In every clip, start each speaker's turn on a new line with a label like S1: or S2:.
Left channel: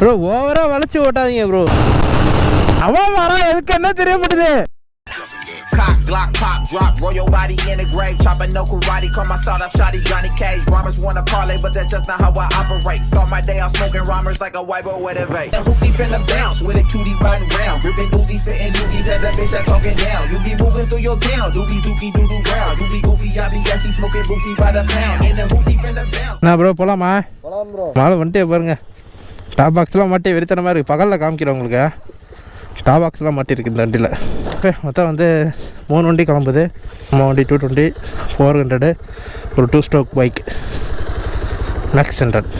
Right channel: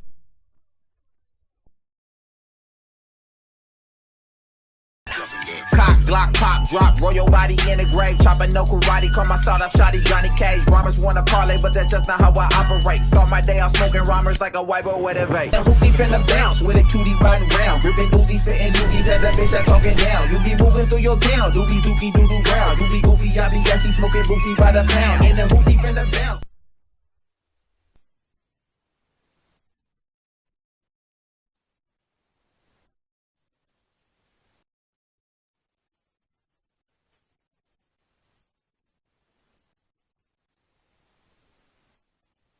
S1: Bro ஓவரா வளைச்சு ஓட்டாதீங்க bro அவன் வரான் எதுக்கு என்ன தெரிய மாட்டுது
S2: Cock, Glock, pop, drop, roll your body in the grave. Chopping no karate, call my sawed off shotty Johnny Cage. Rhymers wanna parlay, but that's just not how I operate. Start my day off smoking rhymers like a white boy with a vape. And hoopty finna bounce with a cutie riding round. Ripping Uzi, spitting doobies at that bitch that talking down. You be moving through your town, doobie dookie doo doo round. You be goofy, I be assy, smoking boofy by the pound. And the hoopty finna bounce.
S1: நான் bro போலாமா மேலே வந்துட்டே பாருங்க top பாக்ஸ்லாம் மாட்டி வெறித்தனமாக இருக்குது பகலில் காமிக்கிறேன் உங்களுக்கு. டாப் பாக்ஸ்லாம் மாட்டியிருக்கு இந்த வண்டியில். ஓகே மொத்தம் வந்து மூணு வண்டி கிளம்புது. மூணு வண்டி டூ டுவெண்ட்டி ஃபோர் ஹண்ட்ரடு ஒரு two stroke bike max hundred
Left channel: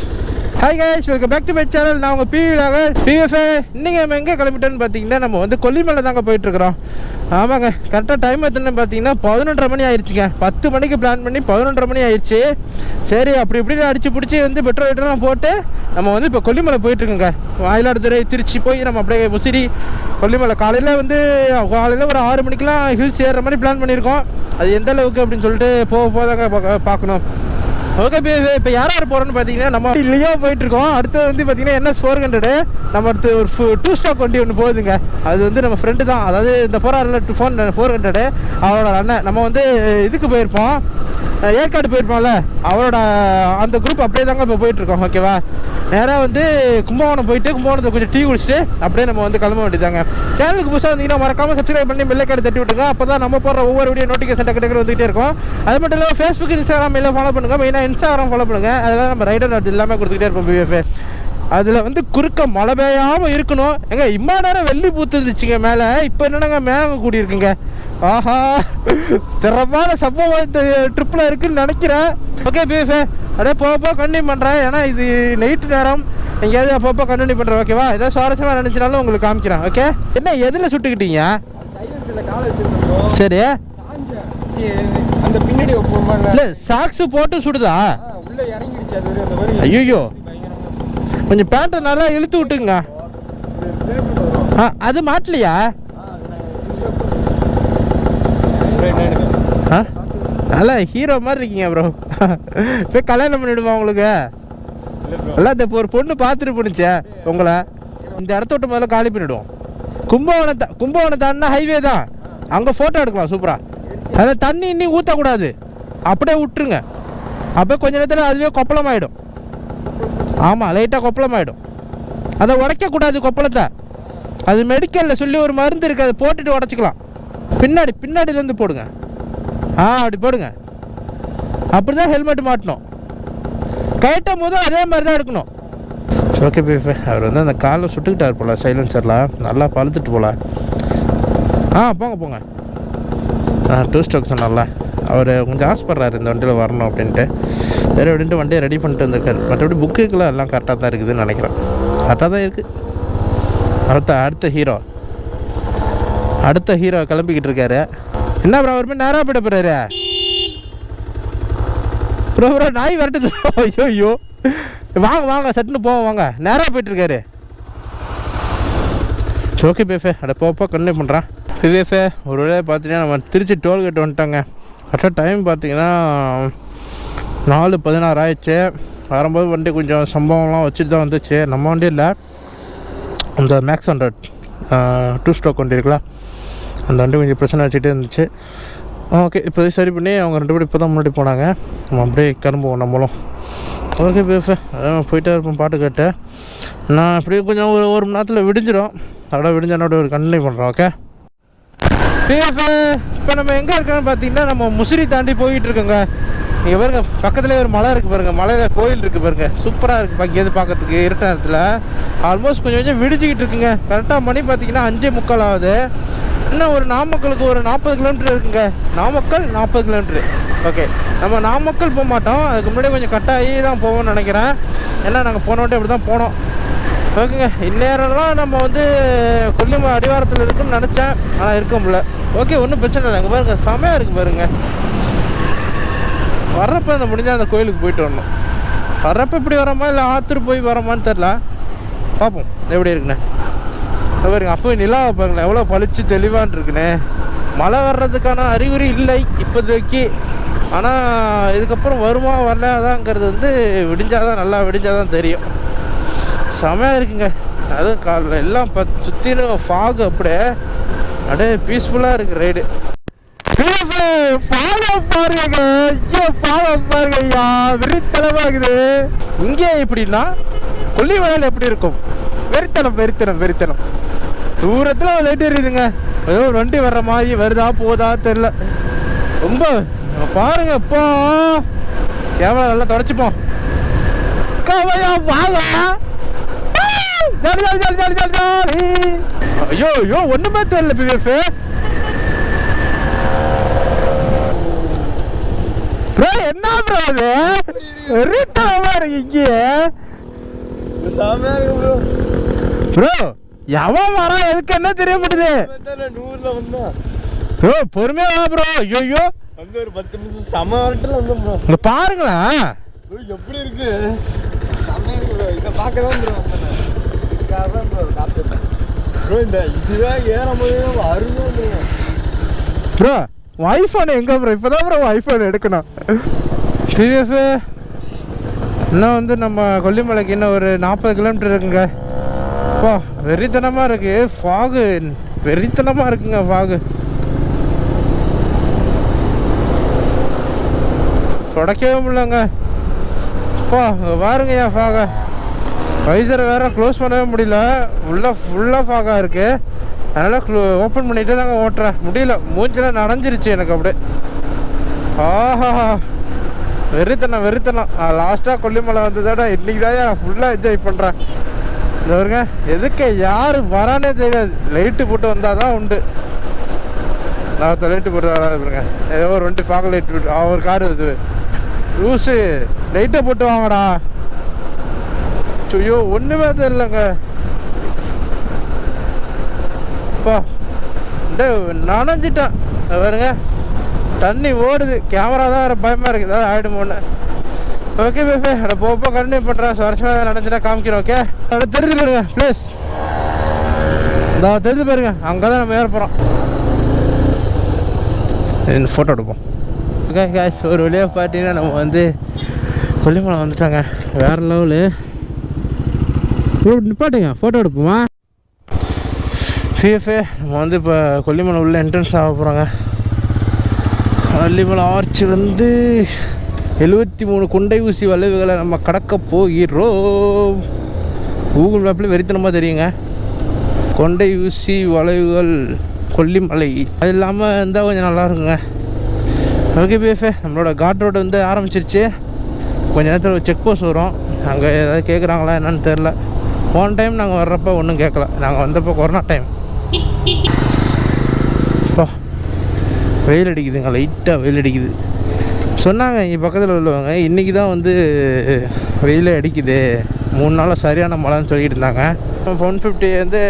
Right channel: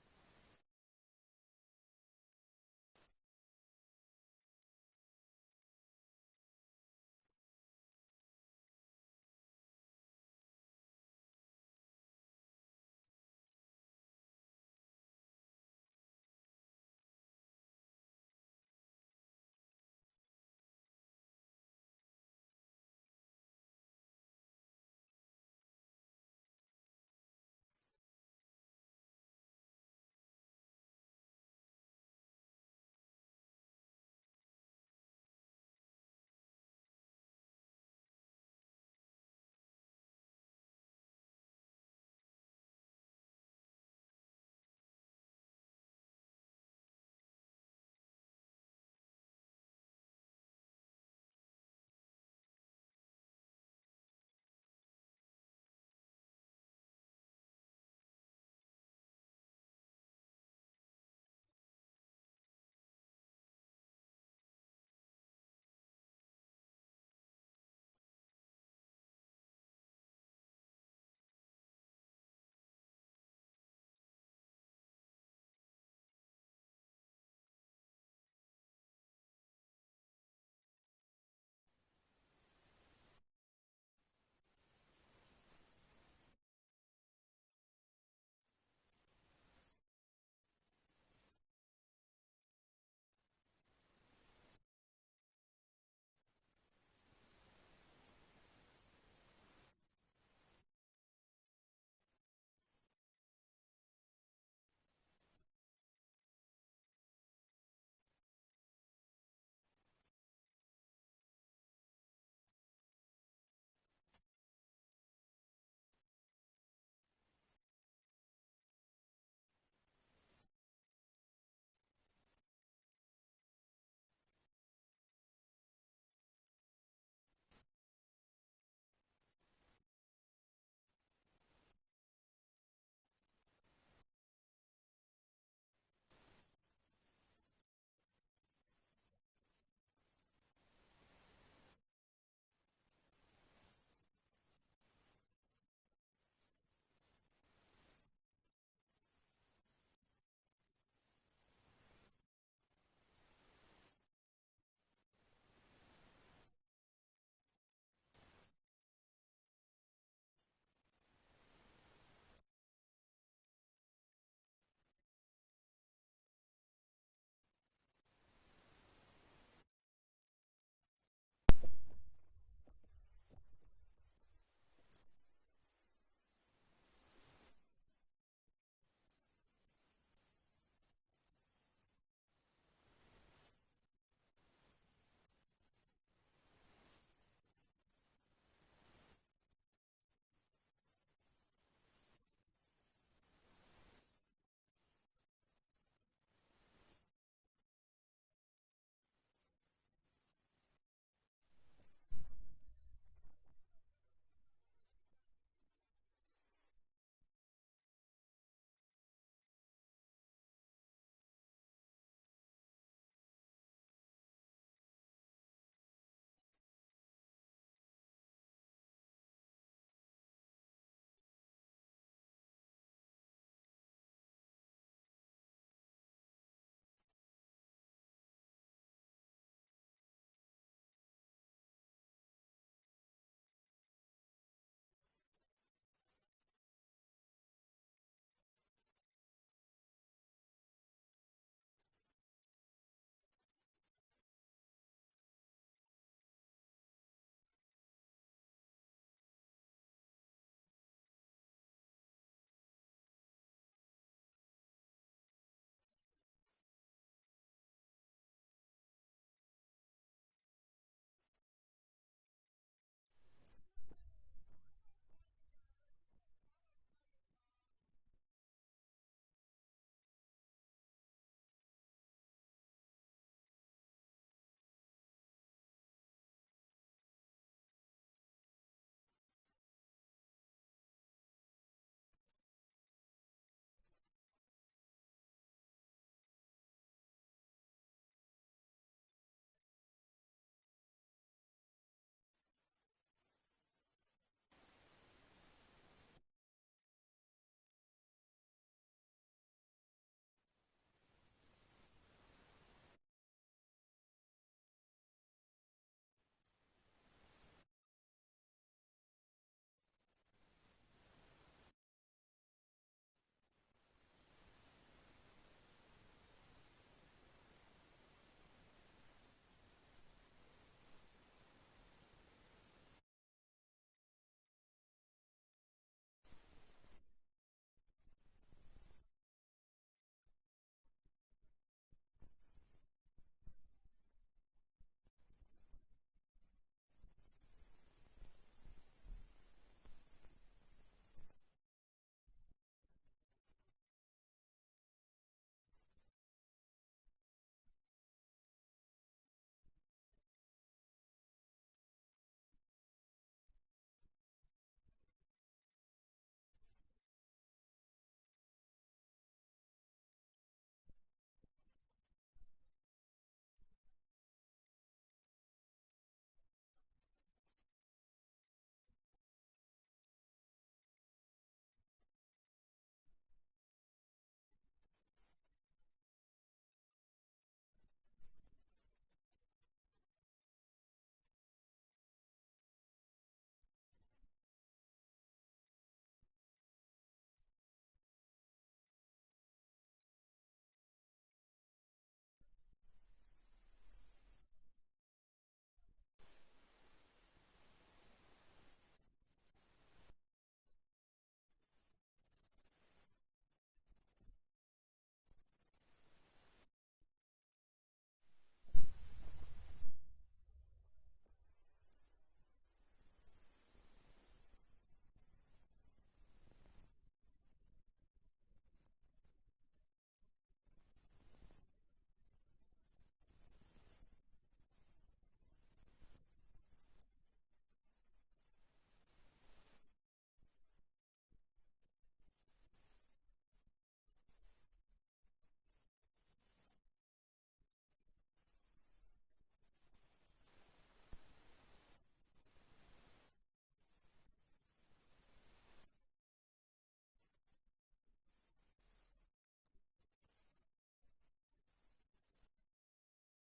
S1: hi guys welcome back to my channel நான் உங்கள் பிவிலாக பிஎஃப்ஏ இன்றைக்கி நம்ம எங்கே கிளம்பிட்டோன்னு பார்த்தீங்கன்னா நம்ம வந்து கொல்லிமலை தாங்க போயிட்டுருக்குறோம் ஆமாங்க கரெக்டாக டைம் எத்தனை பார்த்தீங்கன்னா பதினொன்றரை மணி ஆயிடுச்சுங்க பத்து மணிக்கு பிளான் பண்ணி பதினொன்றரை மணி ஆயிடுச்சு சரி அப்படி இப்படின்னு அடிச்சு பிடிச்சி வந்து பெட்ரோல் வெட்டர்லாம் போட்டு நம்ம வந்து இப்போ கொல்லிமலை போயிட்டுருக்கோங்க. மயிலாடுதுறை திருச்சி போய் நம்ம அப்படியே முசிறி கொல்லிமலை காலையில் வந்து காலையில் ஒரு ஆறு மணிக்கெலாம் ஹில்ஸ் ஏறுற மாதிரி பிளான் பண்ணியிருக்கோம். அது எந்த அளவுக்கு அப்படின்னு சொல்லிட்டு போக போதாங்க பார்க்கணும். ஓகே இப்போ இப்போ யார் யார் போகிறோன்னு பார்த்தீங்கன்னா நம்ம லியோ போயிட்டு இருக்கோம் வந்து பார்த்தீங்கன்னா என்ன ஃபோர் ஹண்ட்ரடு நம்ம அடுத்து ஒரு டூ ஸ்டாக் வண்டி ஒன்று போகுதுங்க. அது வந்து நம்ம ஃப்ரெண்டு தான். அதாவது இந்த போராரில் டூ ஃபோன் ஃபோர் ஹண்ட்ரடு அவரோட அண்ணன். நம்ம வந்து இதுக்கு போயிருப்போம். ஏற்காடு போயிருப்போம்ல. அவரோட அந்த குரூப் அப்படியே தாங்க இப்போ போயிட்டுருக்கோம். ஓகேவா நேராக வந்து கும்பகோணம் போயிட்டு கும்பகோணத்தை கொஞ்சம் டீ குடிச்சிட்டு அப்படியே நம்ம வந்து கிளம்ப வேண்டியதாங்க சேனலுக்கு புதுசாக வந்தீங்கன்னா மறக்காம சப்ஸ்கிரைப் பண்ணி பெல்லைக்காடு தட்டி விட்டுங்க அப்போ தான் நம்ம போடுற ஒவ்வொரு வீடியோ நோட்டிஃபிகேஷன் டக்கு டக்கு வந்துகிட்டே இருக்கும். அது மட்டும் இல்லாமல் ஃபேஸ்புக் இன்ஸ்டாகிராம் எல்லாம் ஃபாலோ பண்ணுங்கள் மெயினாக இன்ஸ்டாகிராம் ஃபாலோ பண்ணுங்க. அதெல்லாம் நம்ம ரைடர் அது எல்லாமே கொடுத்துக்கிட்டே இருப்போம் பிஎஃப்ஏ அதில் வந்து குறுக்க மழை பெய்யாமல் இருக்கணும். எங்க இம்மா நேரம் வெள்ளி பூத்து இருந்துச்சுங்க மேலே. இப்போ என்னங்க மேக கூடி இருக்குங்க ஆஹா திறமான சம்பவம் இந்த ட்ரிப்பில் இருக்குன்னு நினைக்கிறேன். ஓகே பிஎஃப்ஏ அப்படியே போக போக கண்டினியூ பண்ணுறேன் ஏன்னா இது நைட்டு நேரம். எங்கேயாவது அப்பப்போ கண்டினியூ பண்ணுறேன் ஓகேவா ஏதாவது சுவாரஸ்யமாக நினச்சினாலும் உங்களுக்கு காமிக்கிறேன் ஓகே என்ன எதில் சுட்டுக்கிட்டீங்க? சரி.
S3: அந்த பின்னாடி
S1: இல்லை சாக்ஸு போட்டு சுடுதா?
S3: உள்ள இறங்கிடுச்சு அது ஒரு அந்த வரி.
S1: ஐயோ கொஞ்சம் பேண்ட்டை நல்லா இழுத்து விட்டுங்க. அது மாட்டலையா? நல்லா ஹீரோ மாதிரி இருக்கீங்க ப்ரோ போய் கல்யாணம் பண்ணிவிடுமா உங்களுக்கு? எல்லாம் இந்த ஒரு பொண்ணு பார்த்துட்டு போணுச்சே உங்களை. இந்த இடத்த விட்டு முதல்ல காலி பண்ணிவிடுவோம் கும்பகோணத்தை கும்பகோணம் ஹைவே தான். அங்கே ஃபோட்டோ எடுக்கலாம் சூப்பராக அதை தண்ணி இன்னி ஊற்றக்கூடாது அப்படியே விட்டுருங்க. அப்படியே கொஞ்ச நேரத்தில் அதுவே கொப்பளமாயிடும். ஆமாம் லைட்டாக கொப்பளமாயிடும். அதை உடைக்கக்கூடாது கொப்பளத்தை. அது மெடிக்கலில் சொல்லி ஒரு மருந்து இருக்குது அதை போட்டுட்டு உடச்சிக்கலாம். பின்னாடி பின்னாடிலேருந்து போடுங்க. ஆ அப்படி போடுங்க. அப்படி தான் ஹெல்மெட் மாட்டணும். கயட்டும் போதும் அதே மாதிரி தான் எடுக்கணும். ஓகே பீஃபே அவர் வந்து அந்த காலில் சுட்டுக்கிட்டார் போல சைலன்சரில் நல்லா பழுத்துட்டு போல. ஆ போங்க போங்க. டூ ஸ்டோக் சொன்னால அவர் கொஞ்சம் ஆசைப்படுறாரு இந்த வண்டியில் வரணும் அப்படின்ட்டு. சரி அப்படின்ட்டு வண்டியை ரெடி பண்ணிட்டு வந்திருக்காரு. மற்றபடி புக்குக்கெல்லாம் எல்லாம் கரெக்டாக தான் இருக்குதுன்னு நினைக்கிறேன். கரெக்டாக தான் இருக்குது அடுத்த அடுத்த ஹீரோ அடுத்த ஹீரோ கிளம்பிக்கிட்டு இருக்காரு. என்ன ப்ரோ அவர் மாதிரி நேராக போயிட போகிறாரு ப்ரோ ப்ரோ நாய் வரட்டு ஐயோ ஐயோ வாங்க வாங்க சட்டுன்னு போவோம் வாங்க. நேராக போயிட்டுருக்காரு சரி ஓகே பேஃபே அட போப்போ கண்டினியூ பண்ணுறான் விவேஃபே ஒரு வேளையை பார்த்தீங்கன்னா நம்ம திருச்சி டோல்கேட் வந்துட்டோங்க. கரெக்டாக டைம் பார்த்தீங்கன்னா நாலு பதினாறு ஆயிடுச்சு. வரும்போது வண்டி கொஞ்சம் சம்பவம்லாம் வச்சுட்டு தான் வந்துச்சு. நம்ம வண்டி இல்லை அந்த மேக்ஸ் ஹண்ட்ரட் டூ ஸ்டாக் வண்டி இருக்குல்ல அந்த வண்டி கொஞ்சம் பிரச்சனை வச்சுட்டே இருந்துச்சு. ஓகே இப்போ சரி பண்ணி அவங்க ரெண்டு பேரும் இப்போ தான் முன்னாடி போனாங்க. நம்ம அப்படியே கிளம்புவோம் நம்மளும். ஓகே பேஃபே அதான் போயிட்டே இருப்போம் பாட்டு கேட்டு. நான் அப்படியே கொஞ்சம் ஒரு ஒரு மணி நேரத்தில் விடிஞ்சிடும் அதோட விடிஞ்சனோட ஒரு கண்டினியூ பண்ணுறோம் ஓகே இப்போ நம்ம எங்கே இருக்கோம்னு பார்த்தீங்கன்னா நம்ம முசிறி தாண்டி போயிட்டு இருக்கோங்க. இங்கே பாருங்க பக்கத்துலேயே ஒரு மலை இருக்குது பாருங்க. மலையில் கோயில் இருக்குது பாருங்க. சூப்பராக இருக்குது இங்கேருந்து பார்க்கறதுக்கு இருட்ட நேரத்தில். ஆல்மோஸ்ட் கொஞ்சம் கொஞ்சம் விடிஞ்சிக்கிட்டு இருக்குங்க. கரெக்டாக மணி பார்த்தீங்கன்னா அஞ்சே முக்கால் ஆகுது. இன்னும் ஒரு நாமக்கலுக்கு ஒரு நாற்பது கிலோமீட்டர் இருக்குங்க. நாமக்கல் நாற்பது கிலோமீட்டர் ஓகே நம்ம நாமக்கல் போக மாட்டோம். அதுக்கு முன்னாடி கொஞ்சம் கட்டாயி தான் போவோம்னு நினைக்கிறேன். ஏன்னா நாங்கள் போன இப்படி அப்படி தான் போனோம். ஓகேங்க. இந்நேரம்லாம் நம்ம வந்து கொல்லிமலை அடிவாரத்தில் இருக்குன்னு நினச்சேன். ஆனால் இருக்க முடியல. ஓகே ஒன்றும் பிரச்சனை இல்லை. அங்கே பாருங்க செமையாக இருக்குது பாருங்க. வர்றப்போ அந்த முடிஞ்சால் அந்த கோயிலுக்கு போயிட்டு வரணும். வர்றப்ப இப்படி வரோமா இல்லை ஆத்தூர் போய் வரோமான்னு தெரில பார்ப்போம் எப்படி இருக்குண்ணே பாருங்க அப்போ நிலாவை பாருங்களேன். எவ்வளோ பளிச்சு தெளிவான் இருக்குண்ணே மழை வர்றதுக்கான அறிகுறி இல்லை இப்போதைக்கு. ஆனால் இதுக்கப்புறம் வருமா வரலாதாங்கிறது வந்து விடிஞ்சாதான் நல்லா விடிஞ்சாதான் தெரியும். செமையாக இருக்குங்க. அதுவும் காலைல எல்லாம் ப சுற்றிலும் ஃபாக் அப்படியே அப்படியே பீஸ்ஃபுல்லாக இருக்கு ரைடு பாருங்க. ஐயோ ஃபாலோ பாருங்க ஐயா. இருக்குது. இங்கே எப்படின்னா கொல்லிமலையில் எப்படி இருக்கும்? வெறித்தனம் வெறித்தனம் வெறித்தனம். தூரத்தில் லைட் எரியுதுங்க. ஏதோ வண்டி வர்ற மாதிரி வருதா போதா தெரில ரொம்ப பாருங்க இப்போ கேமரா நல்லா தொடச்சிப்போம். கவையா வாங்க jolly jolly jolly jolly jolly jolly. ஐயோ ஐயோ ஒண்ணுமே தெரியல பிவிஎஃப். ப்ரோ என்ன ப்ரோ அது? ரீத்தனமா இருக்கு இங்கே
S3: செமையா இருக்கு ப்ரோ.
S1: எவன் வரான் எதுக்கு? என்ன தெரிய மாட்டுது?
S3: நூறுல வந்தா.
S1: ப்ரோ பொறுமையா வா ப்ரோ. ஐயோ
S3: அங்க ஒரு பத்து நிமிஷம் செம வரட்டுல வந்தோம் ப்ரோ.
S1: இங்க பாருங்களேன்.
S3: எப்படி இருக்கு? இதை பார்க்க தான் ப்ரோ வந்தேன் இதுக்காக தான் ப்ரோ காத்துட்டேன் ப்ரோ இந்த இதுவே ஏறும்போது அருமையாக இருந்துங்க
S1: ப்ரோ ஐஃபோன் எங்க ப்ரோ இப்போதான் ப்ரோ ஐஃபோன் எடுக்கணும் பிஎஃப் இன்னும் வந்து நம்ம கொல்லிமலைக்கு இன்னும் ஒரு நாற்பது கிலோமீட்டர் இருக்குங்க. அப்பா வெறித்தனமாக இருக்குது ஃபாகு வெறித்தனமாக இருக்குங்க ஃபாகு தொடக்கவே முடியலங்க. அப்பா இங்க பாருங்க வைசரை வேற க்ளோஸ் பண்ணவே முடியல. ஃபுல்லாக ஃபுல்லாக ஃபாகாக இருக்கு. அதனால் க்ளோ ஓப்பன் பண்ணிகிட்டே தாங்க ஓட்டுறேன். முடியல. மூஞ்சில் நனைஞ்சிருச்சு எனக்கு அப்படியே. ஆஹா. வெறித்தனம் வெறித்தனம். நான் லாஸ்ட்டாக கொல்லிமலை வந்ததோட இன்னைக்கு தான் நான் ஃபுல்லாக என்ஜாய் பண்ணுறேன் இந்த வருங்க எதுக்கு யார் வரானே தெரியாது. லைட்டு போட்டு வந்தால் தான் உண்டு. நான் லைட்டு போட்டு வரா இருங்க ஏதோ ஒரு ரெண்டு பார்க்க லைட் போட்டு ஒரு கார் வருது. லூஸு லைட்டை போட்டு வாங்கடா. ஐயோ ஒன்றுமே தெரியலங்க. அப்பா இந்த நனைஞ்சிட்டேன் பாருங்க தண்ணி ஓடுது. கேமரா தான் வேறு பயமாக இருக்குது ஏதாவது ஆகிடுமோன்னு ஓகே பேபே அதை போப்போ கண்டினியூ பண்ணுறேன் வருஷமாக நினச்சிட்டா காமிக்கிறேன் ஓகே அதை தெரிஞ்சு பாருங்க ப்ளீஸ் இந்த தெரிஞ்சு பாருங்க அங்கே தான் நம்ம ஏற போகிறோம் இந்த ஃபோட்டோ எடுப்போம். ஓகே காய்ஸ் ஒரு வழியாக பார்த்தீங்கன்னா நம்ம வந்து கொல்லிமலை வந்துட்டாங்க. வேறு லெவலு நிப்பாட்டுங்க ஃபோட்டோ எடுப்போமா? பிஎஃப்ஏ நம்ம வந்து இப்போ கொல்லிமலை உள்ள என்ட்ரன்ஸ் ஆக போகிறோங்க கொல்லிமலை ஆர்ச் வந்து எழுபத்தி மூணு குண்டை ஊசி வளைவுகளை நம்ம கடக்க போகிறோம். கூகுள் மேப்பில் வெறித்தனமாக தெரியுங்க. கொண்டை ஊசி வளைவுகள் கொல்லிமலை. அது இல்லாமல் இருந்தால் கொஞ்சம் நல்லா இருக்குங்க. ஓகே பிஎஃப்ஏ நம்மளோட காட் ரோடு வந்து ஆரம்பிச்சிருச்சு. கொஞ்ச நேரத்தில் செக் போஸ்ட் வரும். அங்கே ஏதாவது கேட்குறாங்களா என்னன்னு தெரில போன டைம் நாங்கள் வர்றப்போ ஒன்றும் கேட்கல நாங்கள் வந்தப்போ கொரோனா டைம் அப்பா வெயில் அடிக்குதுங்க லைட்டாக வெயில் அடிக்குது. சொன்னாங்க இங்கே பக்கத்தில் உள்ளவங்க இன்றைக்கி தான் வந்து வெயிலே அடிக்குது. மூணு நாளாக சரியான மழைன்னு சொல்லிட்டு இருந்தாங்க. ஒன் ஃபிஃப்டி வந்து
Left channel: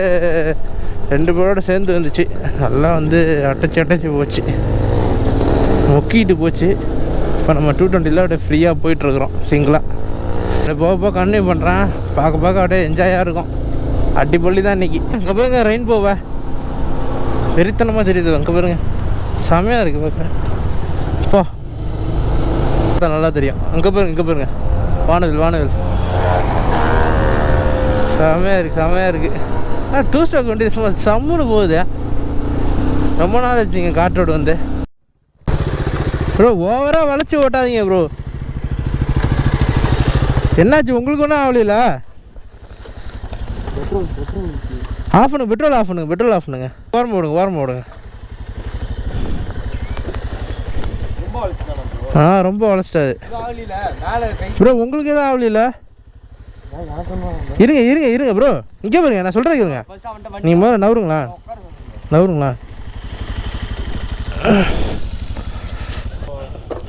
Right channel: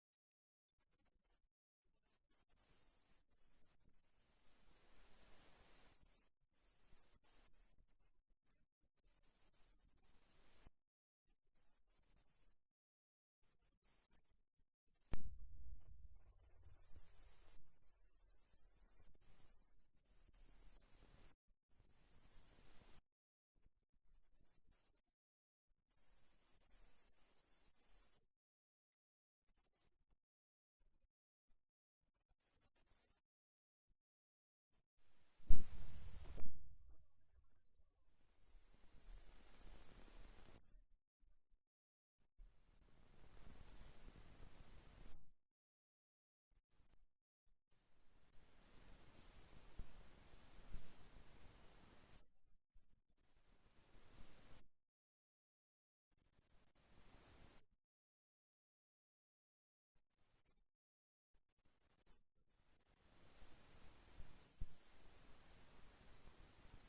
S1: ரெண்டு பேரோட சேர்ந்து வந்துச்சு. நல்லா வந்து அடைச்சி அடைச்சி போச்சு. முக்கிட்டு போச்சு. இப்போ நம்ம டூ டுவெண்ட்டியில் அப்படியே ஃப்ரீயாக போயிட்டுருக்குறோம் சிங்கிளாக அப்படியே போக போக கண்டினியூ பண்ணுறேன் பார்க்க பார்க்க அப்படியே என்ஜாயாக இருக்கும். அடிப்பொலி தான் இன்றைக்கி அங்கே பாருங்க ரெயின் போவ வெறித்தனமாக தெரியுது அங்கே பாருங்க. செமையாக இருக்குது பார்க்க அப்பா நல்லா தெரியும். அங்கே பாருங்க இங்கே பாருங்க. வானவில் வானவில் செமையாக இருக்குது செமையாக இருக்குது ஆனால் டூ ஸ்டாக் வண்டி சும்மா சம்முன்னு போகுது. ரொம்ப நாள் ஆச்சுங்க காற்றோடு வந்து. ப்ரோ ஓவராக வளைச்சி ஓட்டாதீங்க ப்ரோ என்னாச்சு? உங்களுக்கு ஒன்றும் ஆகலையில ஆஃப் பண்ணுங்க பெட்ரோல் ஆஃப் பண்ணுங்க பெட்ரோல் ஆஃப் பண்ணுங்க ஓரம் போடுங்க ஓரம் போடுங்க ஆ ரொம்ப வளைச்சிட்டாது ப்ரோ உங்களுக்கு எதுவும் ஆகலையில இருங்க இருங்க இருங்க ப்ரோ. இங்கே பாருங்க நான் சொல்கிறது இருங்க நீங்கள் முதல்ல நவருங்களா? நவருங்களா?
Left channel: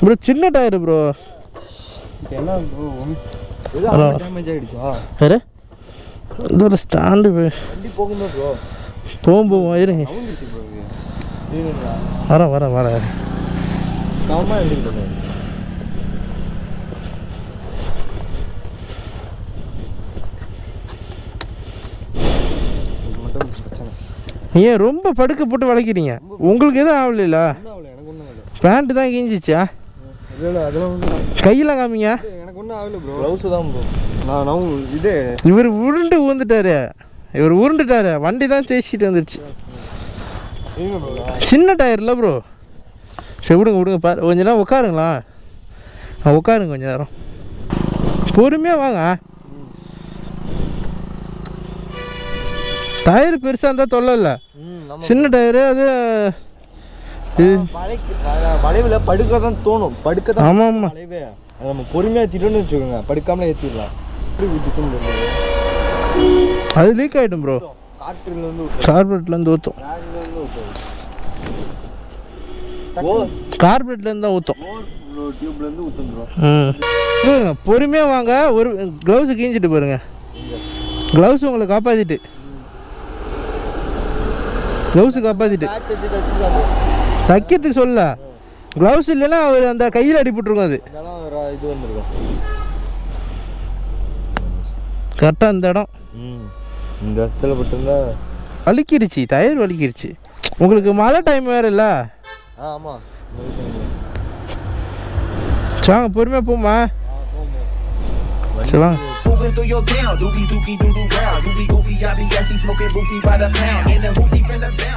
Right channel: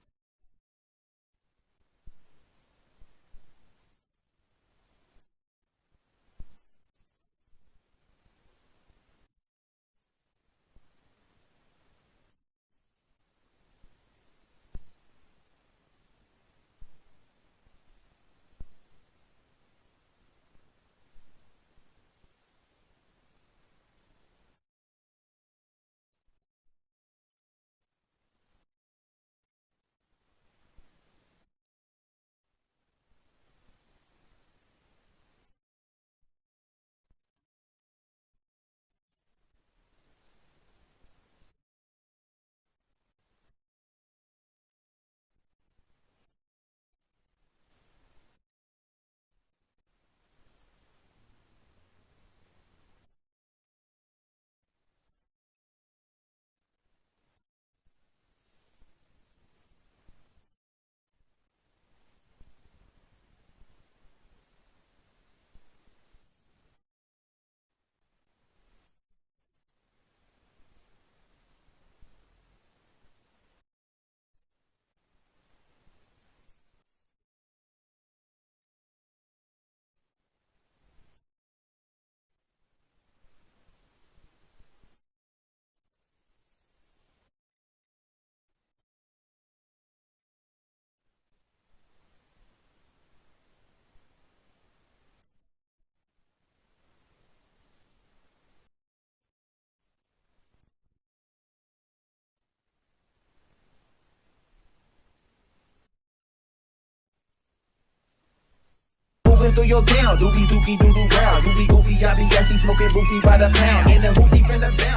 S1: ப்ரோ சின்ன டயரு ப்ரோ
S3: என்ன ப்ரோ.
S1: வேறு இது ஒரு ஸ்டாண்டு
S3: போகுமா
S1: போகும் இருங்க வரேன் வரேன் வரேன் ஏன் ரொம்ப படுக்க போட்டு வளைக்கிறீங்க? உங்களுக்கு எதுவும் ஆகலையில
S3: ஒன்றும் ஆகல எனக்கு ஒன்றும் ஆகல.
S1: பேண்ட்டு தான் கிஞ்சிச்சா
S3: இல்லை. அதெல்லாம்
S1: காமிங்க.
S3: எனக்கு ஒன்றும் ஆகல ப்ரோ ப்ளவுஸு தான் ப்ரோ நான் நான் இது.
S1: இவர் உருண்டு ஊந்துட்டாரு. இவர் உருண்டுட்டாரு. வண்டி தான் தேய்ச்சிட்டு
S3: bro.
S1: சின்ன டயர் இல்லை ப்ரோ சரி விடுங்க விடுங்க பாரு. கொஞ்ச நேரம் உட்காருங்களா? ஆ உட்காருங்க கொஞ்ச நேரம். பொறுமையாக வாங்க. டயர் பெருசாக இருந்தால் தொல்லை இல்லை. சின்ன டயரு அது
S3: வளைவுல படுக்க தான் தோணும். படுக்க தான்
S1: ஆமாம் ஆமாம்
S3: வளைவே நம்ம பொறுமையாக ஏற்றிட்டோம்னு வச்சுக்கோங்க. படுக்காமலே விட்டுட்டும்
S1: அது லீக் ஆகிடும் ப்ரோ கார்பரேட்லேருந்து ஊற்றும் கார்பரேட்லேருந்து தான் ஊற்றும்
S3: ஓ. டியூப்லேருந்து ஊற்றுந்துடும்
S1: ம். பாருங்க பொறுமையாக வாங்க. ஒரு க்ளவுஸு கீஞ்சிட்டு பாருங்க க்ளவுஸ் உங்களை காப்பாற்றிட்டு க்ளவுஸு காப்பாற்றிட்டு தைக்கிறதுக்கு சொல்ல. க்ளவுஸ் இல்லைன்னா அவர் அந்த கையில் அடிபட்டுருக்கும் அது.
S3: இது வந்துருக்கும்.
S1: கரெக்டாக இந்த இடம்.
S3: ம் இந்த இடத்துல பட்டிருந்தா
S1: வலிக்கிருச்சு டயர் வலிக்கிருச்சு. உங்களுக்கு மழை டைம் வேறு இல்லை?
S3: ஆமாம்
S1: வாங்க பொறுமையாக போமா சரி வாங்க.
S2: Moving through your town, doobie dookie doo doo round. Doobie goofy, I be smoking goofy by the pound. In the hoopty finna bounce.